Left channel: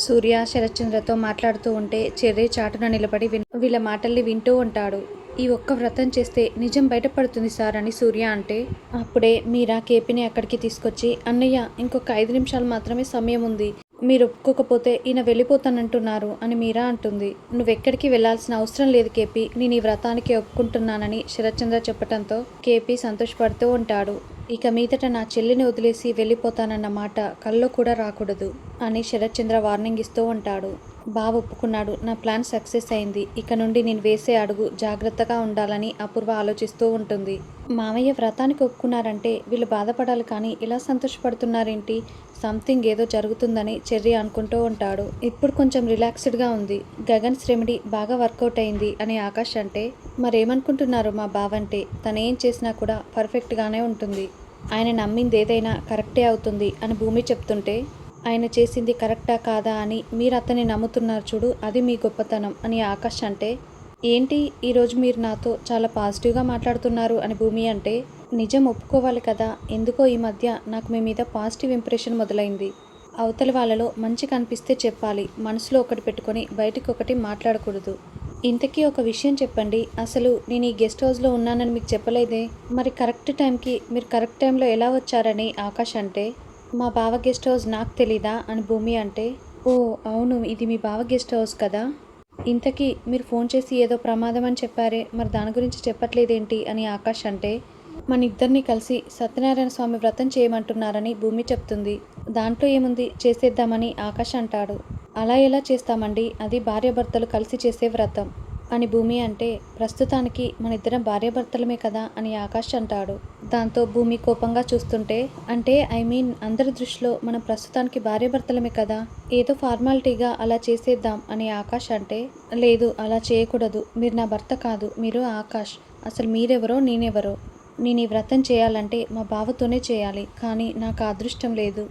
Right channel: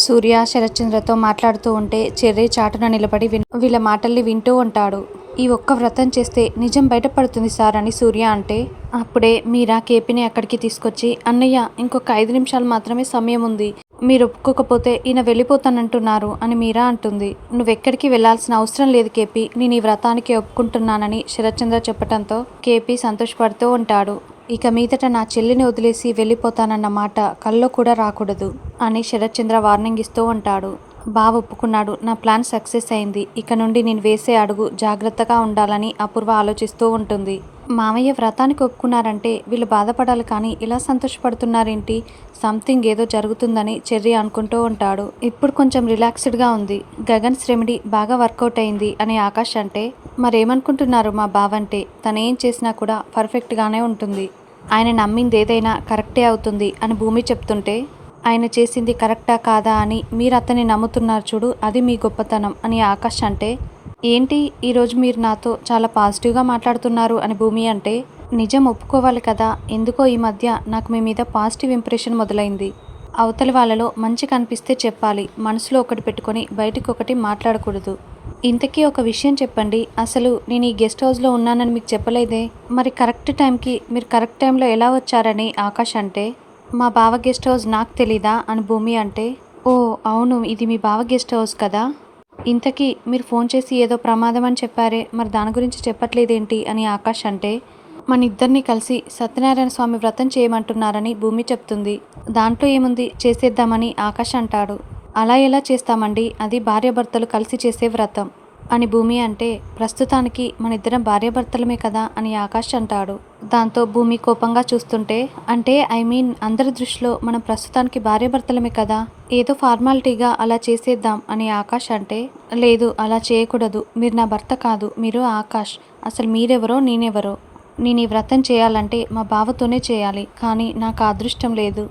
సూర్య శరత్చంద్రతో మాట్లాడుతూ ఉంటే చెర్రీ చాటున నిలబడి వీళ్ళ మాటల్ని వింటూ ఉంటాడు. ఈ ఒక్క వ్రతం చేస్తే నిజం బయటపడుతుంది సార్ అని సూర్య అంటే, అప్పుడే మీరా కేపీని అక్కడికి తీసుకొచ్చి, అన్నయ్య ఇంకొక 5 నిమిషాలు మాత్రమే సమయం ఉంది, మీరు ఒప్పుకోకపోతే ఈయన వెళ్ళిపోతానంటున్నారు అని మీరా అంటుంది. నువ్వెక్కడికి వెళ్లాల్సిన అవసరం లేదు కేపీ, నేను ఈ వ్రతానికి ఒప్పుకుంటున్నానని శరత్చంద్ర చెప్పటంతో కేపీ సంతోషపడుతూ ఉంటాడు. ఇక మీదట నా చెల్లిని వదిలేసి వెళ్ళిపోతానన్న మాట కల్లో కూడా రాకూడదు అని శరత్చంద్ర వార్నింగ్ ఇస్తూ ఉంటాడు. బావ ఒప్పుకున్నాడు, నా ప్లాన్ సక్సెస్ అయింది, ఇక నుండి నేను వేసే అడుగు జాగ్రత్తగా ఉండాలని అపూర్వ ఆలోచిస్తూ ఉంటుంది. మామయ్య వ్రతానికి ఒప్పుకున్నారంటే వీళ్ళు బాధపడాలి, కానీ ఇలా సంతోషపడుతున్నారేంటి, సంథింగ్ ఏదో జరుగుతుందని చెర్రీ అనుకుంటూ ఉంటాడు. ఇప్పుడు కొంచెం రిలాక్స్డ్గా ఉంది. గగన్స్ రెమెడీ బాగా వర్కౌట్ అయింది అని ఆకాష్ అంటే, మరేమనుకుంటున్నారు మా బావంటే, తనేం చేసినా కూడా పర్ఫెక్ట్గానే ఉంటుంది, ఆయన నమ్మింది ఏదైనా కరెక్టే అవుతుంది అని భూమి చెప్తుంటే, ఆయన చేసింది కరెక్టా కాదా అని మీరు అతన్ని నమ్ముతున్నారు చూడు, అది మీ గొప్పతనం అని ఆకాష్ అంటే, ఏంటి ఈరోజు మీరు నాతో చాలా పాజిటివ్గా మాట్లాడుతున్నారు అని భూమి అంటే, నిజం ఒప్పుకోవాలి కదా, ఎందుకో ఈ మధ్య నాకు మీ మీద పాజిటివ్ ఇంప్రెషన్ మొదలైంది. అవతలి వాళ్ళలో మంచి కనిపిస్తే చెప్పాలి, మనసులో ఒకటి పెట్టుకొని బయటకు ఒకటి మాట్లాడకూడదు. ఇంతకీ ఒక విషయం చెప్పండి, అసలు నేను ఈ గెస్ట్ హౌస్లో ఉన్నానని మీకు చెప్పలేదే, మరి కరెక్ట్ టైంకి మీరు కరెక్ట్ టైంలో ఎలా వచ్చారని ఆకాష్ అంటే, మా బావ గెస్ట్ హౌస్ నాకు తెలీదా అని భూమి అంటే, ఓ అవును ఇది మీ బావ గెస్ట్ హౌస్ కదా, ఇంతకీ మీరు ఫోన్ చేసి ఏదో ప్రమాదం అని చెప్పారే, మరి దాని గురించి చెప్పట్లేదేంటి అని ఆకాష్ అంటే, మన ఇద్దరిని కలిసి సత్యనారాయణ స్వామి వ్రతం చేయమంటున్నారని భూమి చెప్తుంది. దాంట్లో ఏముంది, చేసేద్దామని ఆకాష్ అంటాడు. అలా ఎలా చేస్తామండి, అది భార్యాభర్తలు కలిసి చేసే వ్రతం అని భూమి అంటే, ప్రస్తుతానికి మన ఇద్దరం భార్యాభర్తలమే కదా అని ఆకాష్ అంటాడు. దాంతో భూమి కోపంగా చూస్తుంటే, అంటే ఐ మీన్ అందరి దృష్టిలో మనం ప్రస్తుతానికి భార్యాభర్తలమే కదా, ఏదో ఫార్మాలిటీగా అలా చేసేద్దాం అని ఆకాష్ అంటే, లేదు అలా చేయకూడదు, మీరు నా భర్త కాదు, మీరు ఆకాష్, అసలు మీరెవరో నేనెవరో, నేను ఈ వ్రతం చేయాలంటే మా బావతోనే చేయాలి, కానీ నాకు ఆ అదృష్టం లేదు,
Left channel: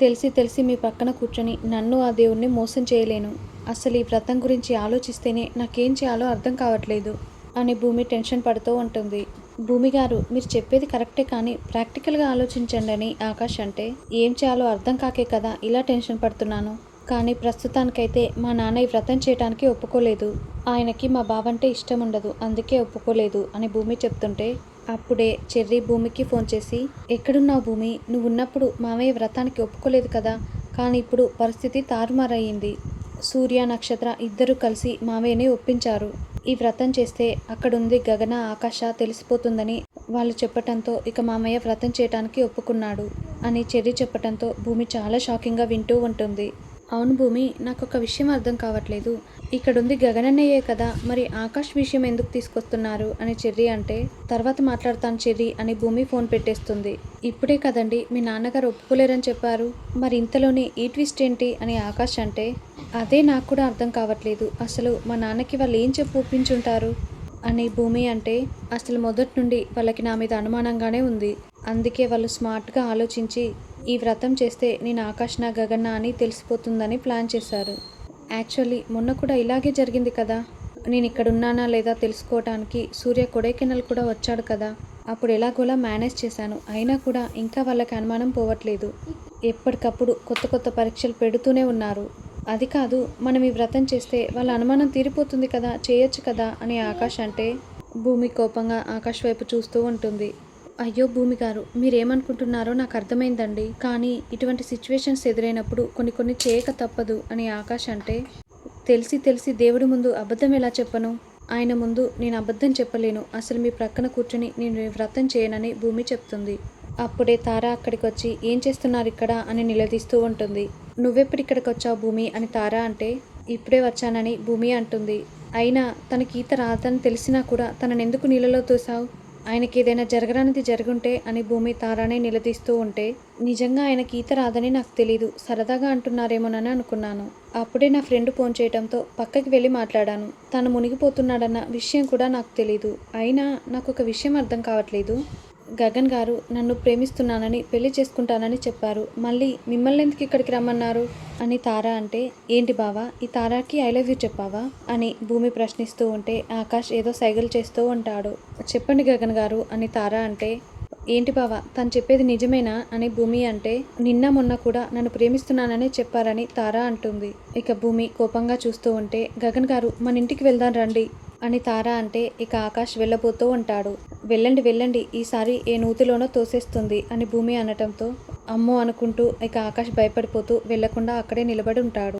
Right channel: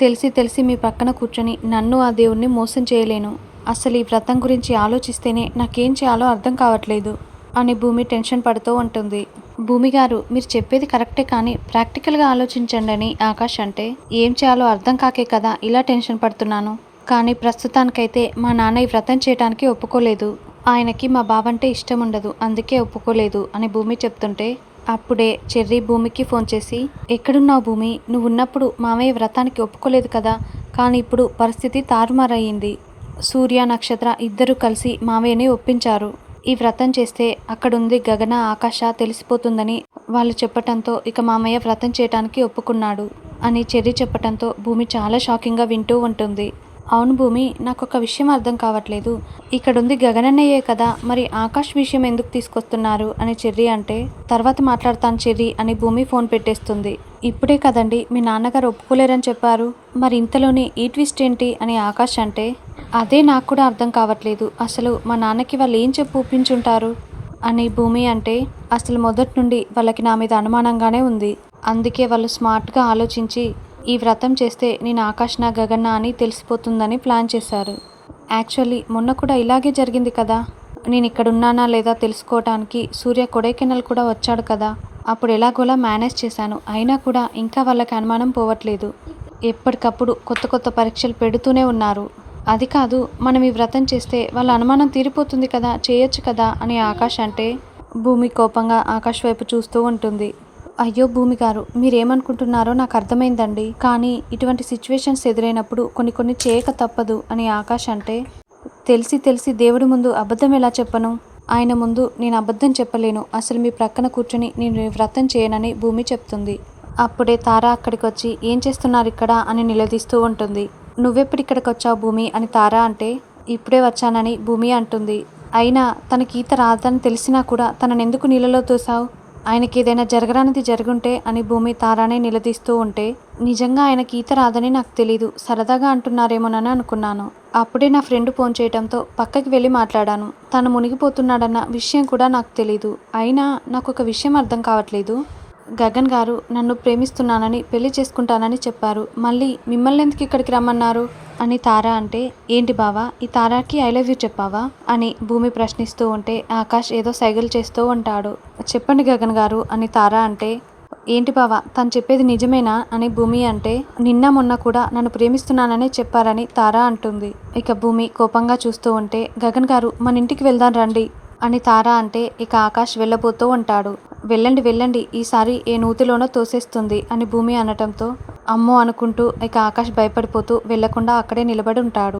తెలిసి మీ పక్కన కూర్చొని నన్ను ఆ దేవుణ్ణి మోసం చేయలేను, అసలు ఈ వ్రతం గురించి ఆలోచిస్తేనే నాకేం చేయాలో అర్థం కావట్లేదు అని భూమి టెన్షన్ పడుతూ ఉంటుంది. భూమి గారు మీరు చెప్పేది కరెక్టే, కానీ ప్రాక్టికల్గా ఆలోచించండి అని ఆకాష్ అంటే, ఏం చేయాలో అర్థం కాకే కదా ఇలా టెన్షన్ పడుతున్నాను, కానీ ప్రస్తుతానికైతే మా నాన్న ఈ వ్రతం చేయడానికి ఒప్పుకోలేదు, ఆయనకి మా బావంటే ఇష్టం ఉండదు, అందుకే ఒప్పుకోలేదు అని భూమి చెప్తుంటే, అప్పుడే చెర్రీ భూమికి ఫోన్ చేసి, ఎక్కడున్నావు భూమి, నువ్వు ఉన్నప్పుడు మామయ్య వ్రతానికి ఒప్పుకోలేదు కదా, కానీ ఇప్పుడు పరిస్థితి తారుమారయ్యింది, సూర్య నక్షత్ర ఇద్దరూ కలిసి మామయ్యని ఒప్పించారు, ఈ వ్రతం చేస్తే అక్కడుంది గగన ఆకాశ తెలిసిపోతుందని వాళ్ళు చెప్పటంతో ఇక మామయ్య వ్రతం చేయడానికి ఒప్పుకున్నాడు అని చెర్రీ చెప్పటంతో భూమి చాలా షాకింగ్గా వింటూ ఉంటుంది. అవును భూమి, నాకు ఒక విషయం అర్థం కావట్లేదు, ఇక్కడుంది గగనన్నయ్యే కదా, మరి ఆకాష్ విషయం ఎందుకు తీసుకొస్తున్నారు అని చెర్రీ అంటే, తర్వాత మాట్లాడతాను చెర్రీ అని భూమి ఫోన్ పెట్టేస్తుంది. ఇప్పుడే కదండి మీ నాన్నగారు ఒప్పుకోలేరని చెప్పారు, మరి ఇంతలోనే ఈ ట్విస్ట్ ఏంటి అని ఆకాష్ అంటే, అదే నాకు కూడా అర్థం కావట్లేదు, అసలు మా నాన్నకి వాళ్ళు ఏం చెప్పి ఒప్పించుంటారు అని భూమి అంటే, అసలు మొదటి నుండి వాళ్ళకి నా మీద అనుమానంగానే ఉంది, అందుకే వాళ్ళు స్మార్ట్గా ఆలోచించి ఈ వ్రతం చేస్తే నేను ఆకాష్నా గగన్నా అని తెలిసిపోతుందని ప్లాన్ చేశారు. యాక్చువల్లీ మొన్న కూడా ఇలాగే జరిగింది కదా, నేను ఇక్కడ ఉన్నానా లేదా తెలుసుకోవటానికి సూర్య కొడైకెనాల్ కూడా వచ్చాడు కదా, అప్పుడు ఎలాగోలా మేనేజ్ చేశాను, అయినా కూడా ఇంకా వాళ్ళకి అనుమానం పోవట్లేదు, ఎప్పటికప్పుడు కొత్త కొత్త పరీక్షలు పెడుతూనే ఉన్నారు, అది కాదు మనం ఈ వ్రతం చేస్తే వాళ్ళ అనుమానం తీరిపోతుంది కదా, చేయొచ్చు కదా అని ఆకాష్ అంటే, భూమి కోపంగా ఆకాష్ వైపు చూస్తూ ఉంటుంది. అయ్యో భూమి గారు మీరేమనుకుంటున్నారో నాకు అర్థమైందండి, కానీ ఇటువంటి సిచ్యువేషన్స్ ఎదురైనప్పుడు కొన్ని చేయక తప్పదు అని ఆకాష్ అంటే, తెలిసి దేవుడి ముందు అబద్ధం ఎలా చెప్పను, ఆయన ముందు నేను అబద్ధం చెప్పలేను, అసలు మీ ప్రక్కన కూర్చొని నేను వ్రతం చేయనని భూమి చెప్తుంది. అప్పుడే తార అక్కడికి వచ్చి, ఏం చేస్తున్నారు ఇక్కడ అని నిలదీస్తూ ఉంటుంది. నువ్వెప్పుడు ఇక్కడికి వచ్చావు భూమి అని తార అంటే, ఇప్పుడే వచ్చానని భూమి అంటుంది. అయినా తనకి ఈత రాదని తెలిసినా కూడా తననెందుకు నీళ్ళలో తోసావు, ఆయనకి ఏదైనా జరగరానిది జరుగుంటే అని భూమి తారానే నిలదీస్తూ ఉంటే, నిజంగా ఆయనకి ఈత రాదని నాకు తెలీదు, సరదాగా అంటున్నారేమోనని అనుకున్నాను, అప్పుడే నా ఫ్రెండ్ ఫోన్ చేయడంతో పక్కకి వెళ్ళి మాట్లాడాను, తను మునిగిపోతున్నాడన్న విషయం కూడా నాకు తెలీదు, అయినా నాకు ఒక విషయం అర్థం కావట్లేదు, గగన్ గారు నన్ను ప్రేమిస్తున్నానని పెళ్లి చేసుకుంటానని చెప్పారు, మళ్ళీ మిమ్మల్ని ఎందుకు ఇక్కడికి రమ్మన్నారు అని తార అంటే, ఏంటి బావా ఈ తారాకి ఐ లవ్ యూ చెప్పావా అని భూమి ప్రశ్నిస్తూ ఉంటే ఆకాష్ ఏదో సైగలు చేస్తూ ఉంటాడు. చెప్పండి గగన్ గారు అని తార అంటే, ఏంటి బావా తను చెప్పేది నిజమేనా అని భూమి అంటే, నిన్న మొన్న కూడా నన్ను ప్రేమిస్తున్నాననే చెప్పారని తార అంటుంది. ఇక భూమి కోపంగా చూస్తూ ఉంటే, గగన్ గారు మన ఇంటికి వెళ్దాం రండి అని తార అంటే, ఇక ఆకాష్ వెళ్ళబోతూ ఉంటాడు. వెళ్ళండి వెళ్ళండి, ఈసారి ఏ నూతిలోనో తోసేస్తుంది అని భూమి అనటంతో అమ్మో అనుకుంటూ ఇక ఆకాష్ భయపడిపోతూ వెళ్లకుండా అక్కడే నిలబడి ఉంటాడు.